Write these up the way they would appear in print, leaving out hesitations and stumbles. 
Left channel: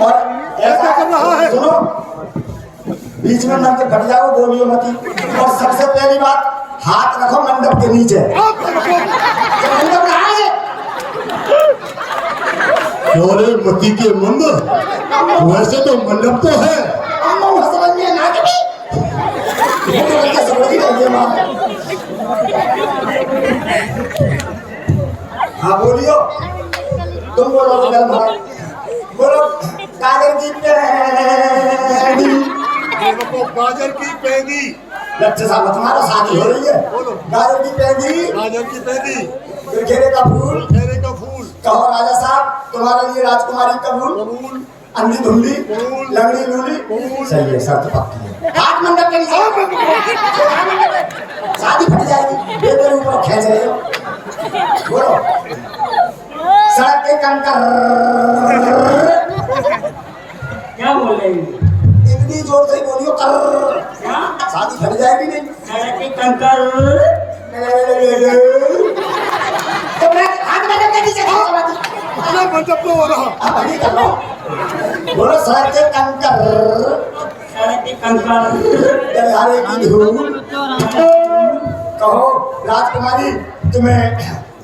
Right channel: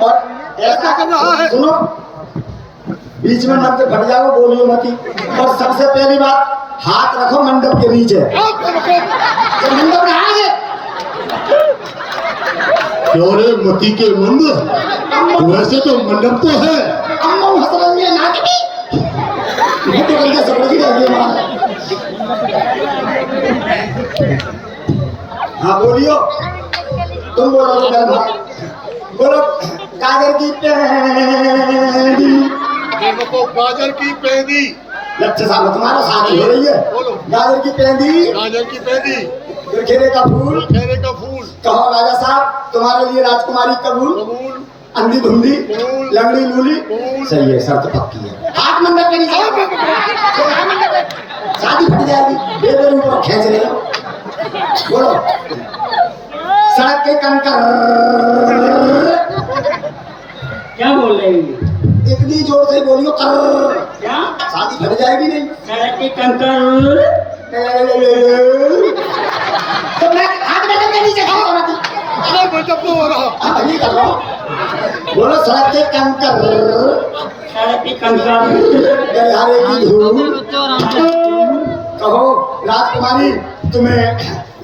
और ऐसा कर रहा है, सुनो, बीच में मत फट जाओ, बोलियो मती। और सबसे पहली बात, हाथ रखो मंडप के नीचे। ये मंडप कहाँ है? क्यों रे मती के मंदिर? वैसे तो मंडप तो है। हाँ बोलियो, तुम बोलो, बोलो। गाजर की पेंदी, गाजर की पेंदी। लच्छे साहब तुम्हारा शादी हो रही है। गाजर की पेंदी, गाजर की पेंदी। खेरे का फूल, खेरे का फूल। कहो राजा साहब तुम्हारे लिए राजकुमारी कबूल। कबूल। अंधी धुंधी, कबूल। लंगड़ी लूली, कबूल। सही है, शर्त पक्की है। हाथ मंडप के नीचे, शादी फट जाएगी। बेबे ऊपर खींच रहे हो, बोलो। सड़क के कंकर, क्या बोल रहे हैं? इतनी जोर से बोलियो, कर क्या? शादी फट जाएगी नहीं। सड़क के कंकर, तो मैं हाथ मंडप के नीचे खींच रहा थी। अरे मंडप तो हो रहा। अब ये कर लो, बोलो। सड़क के कंकर, सड़क के कंकर, गलियारे की धूल, कहो राजकुमारी तुम्हें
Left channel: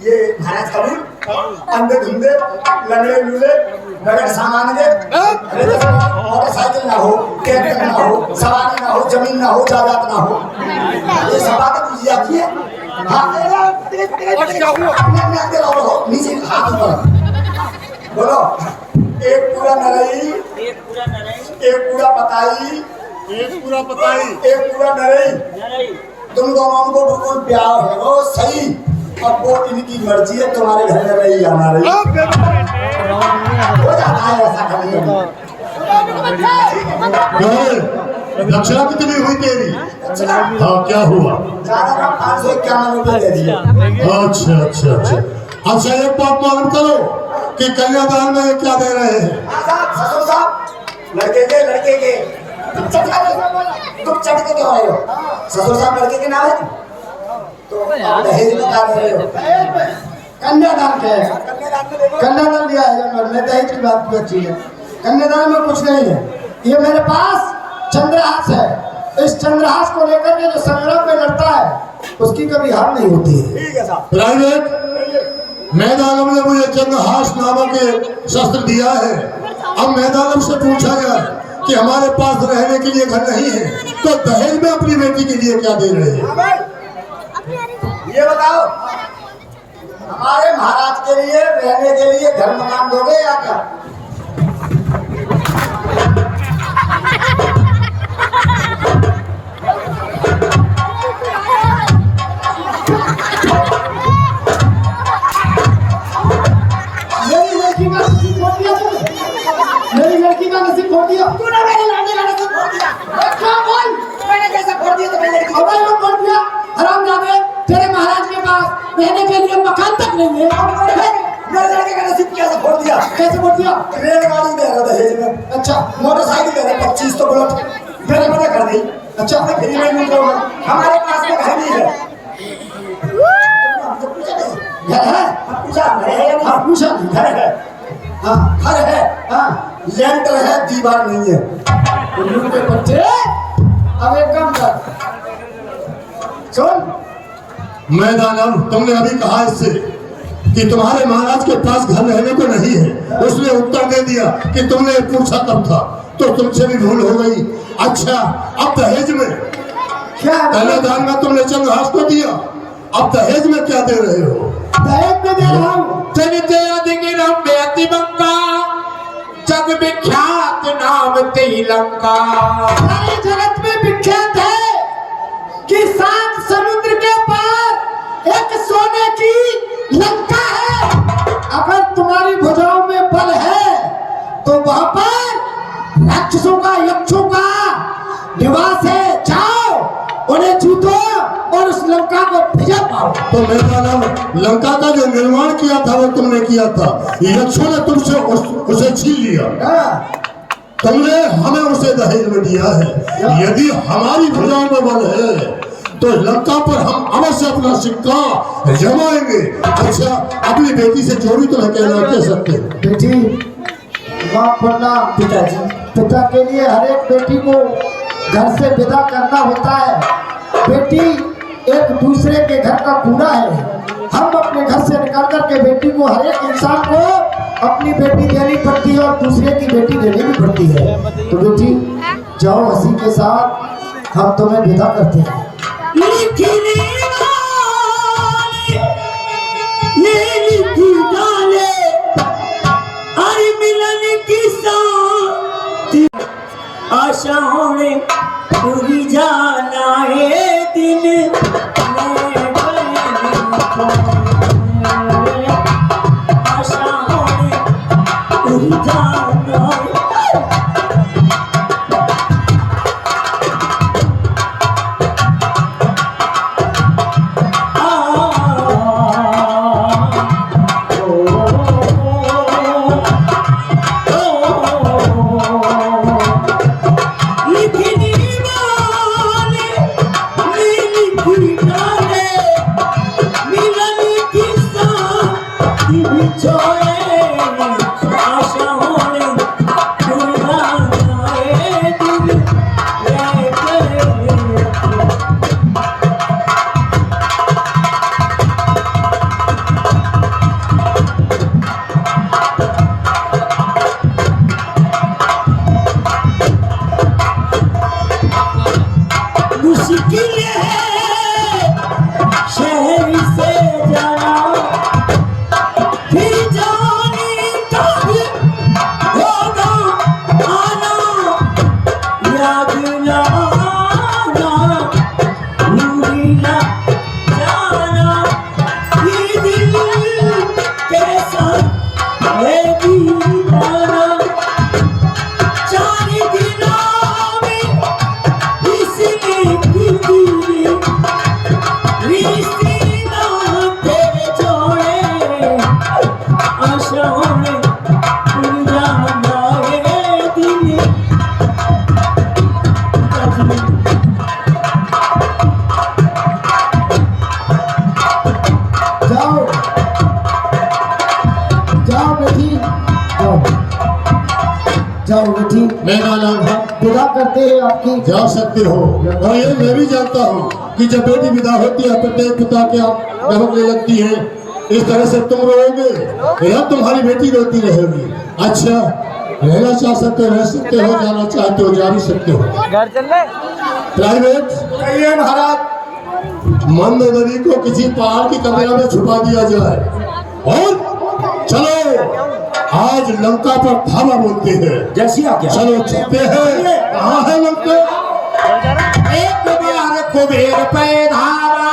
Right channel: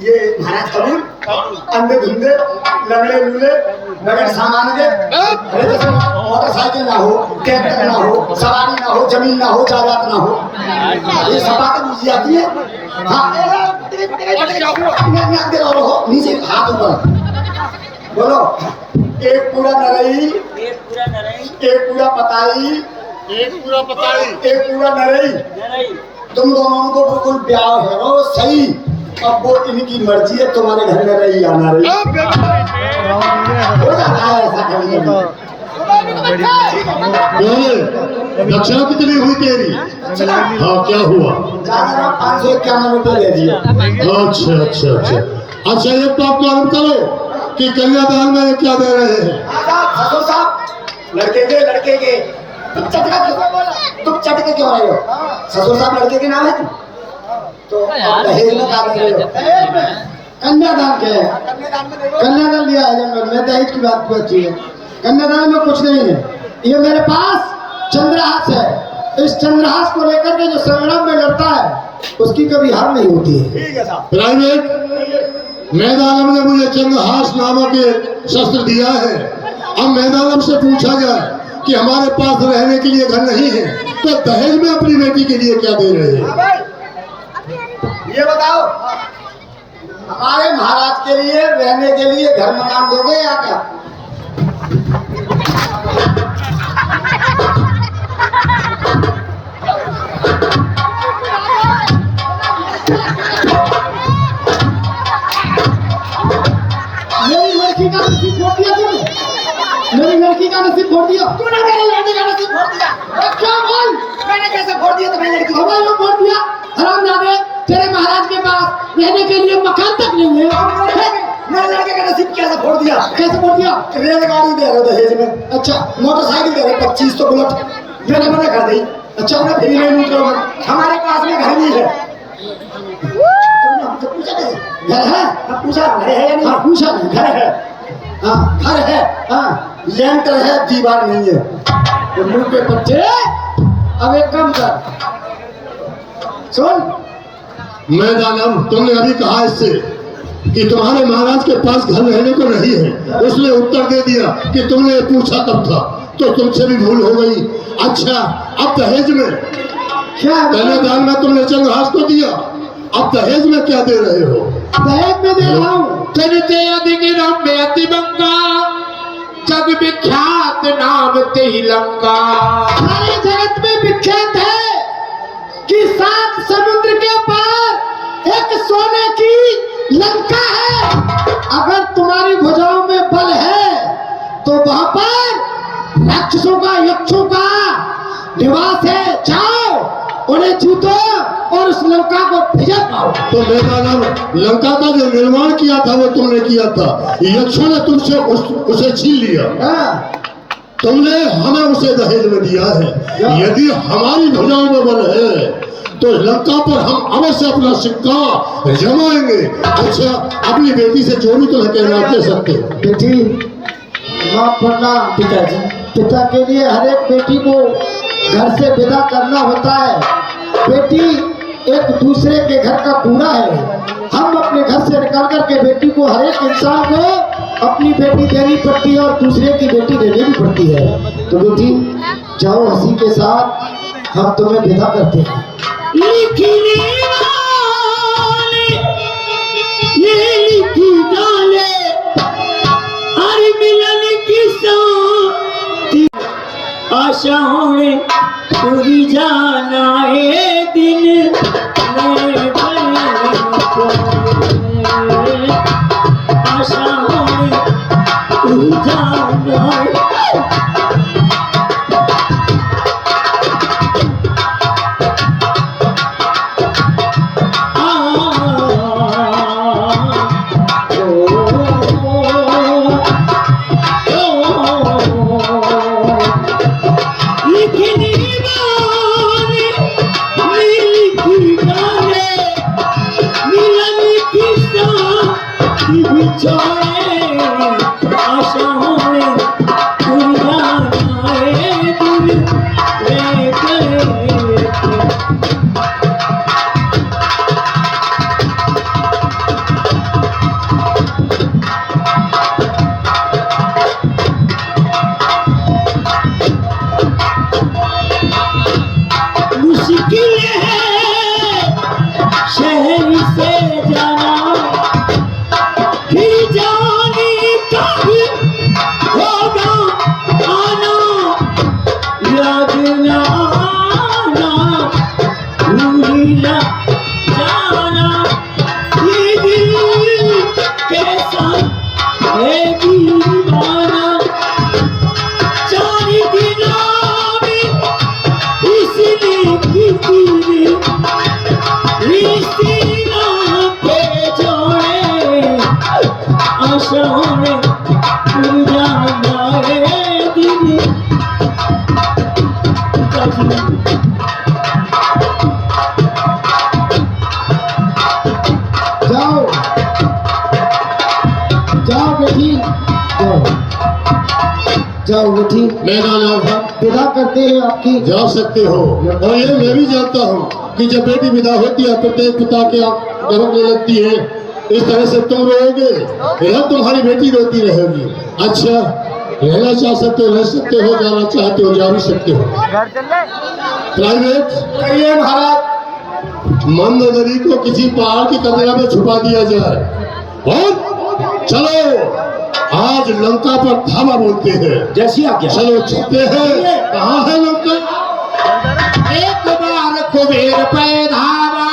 ये महाराज कबूल। अंधे धुंधे, लंगड़े लूले, नगर सामान दे। अरे तो मोटरसाइकिल ना हो, ट्रैक्टर ना हो, सवारी ना हो, जमीन ना हो, जायदाद ना हो, ये सब बातें बुझ जाती है। हाँ, नीचे हाथ ऊपर, बोलो। एक पूरा नरई, एक पूरा नरई, एक पूरा पताई, एक पूरा पताई, एक पूरा नरई। नरई। तुम दोनों को बिल्कुल प्यार है, वो सही। अब वो इनकी मर्जी है, तुम्हारे घर में रही या ना रही, हो जाता है ऐसा कभी कभी। दक्षिणा कितनी हुई तेरी? हाँ क्या हुआ? 551 दे दिए। अच्छा अच्छा अच्छा अच्छा, एक बात मालूम करो कि कन्यादान में क्या दे रहे हैं? ससुर साहब, लड़के के तुम चट के क्यों आए हो? ससुर साहब लड़के के नाम है, तो दहेज में क्या दे रहे हो? कन्यादान के है। कन्यादान कन्यादान लिया है जंगल में, दहेज की बात पूछी है। कन्यादान में कुछ नहीं है। ये मेरे पास चंद्रहास है। इस चंद्रहास को लेकर के जो संग्राम में लड़ता है उसकी कभी हार नहीं होती है। ठीक है साहब। प्राइवेट मैदानम ने मुझे चंद्रहास नामक एक शस्त्र दिया है। अब मैदानम से पूछा गया कि हमारे पास रहने के लिए घर नहीं है, तो दहेज में अपनी बेटी के लिए क्या दे रहे हैं? ये बताओ, हमारे महाराज के लिए रहने के लिए घर मकान दोगे या क्या? मेरी लड़की का नसीब फोड़ दिया तुमने। मेरी लड़की का नसीब फोड़ दिया तूने मेरी लड़की का नसीब फोड़ दिया। क्या बोल? मैंने कैसे फोड़ दिया तुम्हारी लड़की को? हमारे लोग फोड़ दिया। हरामजादे, तेरे महाराज के पास रहने के लिए मकान तक नहीं है। मेरे लड़के का नसीब कैसे फोड़ दिया? कैसे फोड़ दिया? रेलगाड़ी दे रहे दहेज में, अच्छा मोटरसाइकिल दे रहे 25 तो बुलेट, मैंने मना कर दी। अच्छा मैं फ्री में लूट रहा हूँ, हमारे पास में घर नहीं है। तुमने हमसे पूछा नहीं? घर है? हाँ, पूछा घर है या नहीं? हाँ पूछा नहीं। घर है, हाँ घर है, हाँ लेंटर है, दीवार नहीं है। उल्लू के बच्चे, अब एक काम कर, सुन। मैदानम, तुमने अभी कहा इससे कि तुम्हारे महाराज के पास घर रहने को नहीं है। उसने उत्तर दे दिया कि तुमने पूछा कब था, तो तुमसे भी भूल हो गई। अच्छा, अब दहेज में क्या कन्यादान में तुमने चंद्रहास को दिया, अब दहेज में क्या दे रहे हो? दहेज में दे रहा हूँ। जग विख्यात नाम तेलंका, सारे जगत में विख्यात है कि 7 समुद्र के पार एक सोने की लंका है। अगर तुम्हारी भुजाओं में बल है तो वहां पर राक्षसों का, यक्षों का निवास है। जाओ, उन्हें जीतो और उस लंका को विजय पाओ। तो मैदानम, लंका का जो निर्माण किया था वो तुमने किया था, यक्षों ने तुमसे उसे छीन लिया। हाँ, तुमने हमें उसे दहेज में दिया है। यदि हमारी भुजाओं में बल है तो लंका पर हम अवश्य अपना सिक्का जमाएंगे। अच्छा, अपनी बेटी से जो भी तुम्हें कहना कह सकते हो। बेटी माफ करना पिताजी। पिता के लिए हर एक बेटी को घर से विदा करना होता है। बेटी एक दूसरे के घर का कूड़ा है। हम अपने घर से निकल कर के बेटी को, हर एक इंसान को अपनी बेटी देनी पड़ती है और दूसरे की बेटी देनी भी पड़ती है। तो बेटी जाओ हंसी के साथ, हम तुम्हें विदा करते हैं। आशाओं में पूरी जाना है दिन में आशाओं में पूरी जाना है। जाओ जाओ बेटी, जाओ जाओ बेटी, मैं जाना विदा करते हैं आपकी। जा सकते हो। और ये मैं भी जानता हूँ कि जब बेटी विदा होती है प्रत्येक पिता के आंख ढबकने लगती है। इस तरह से तुम रोओगे या तुम्हारी बेटी रोती रहेगी। अच्छा, रहना चाह सकते हो रह सकते हो, जाना चाहते हो जा भी सकते हो। घर चल ले प्राइवेट कहिए महाराज। मंदोदरी को किसी पहाड़ की कतरा में छुपा दिया जाए और चलो आज लंका पर धावा बोलते हैं। जैसी आज्ञा। चलो चलते हैं। कहाँ है लंका? एक बार कुबेर पे धावा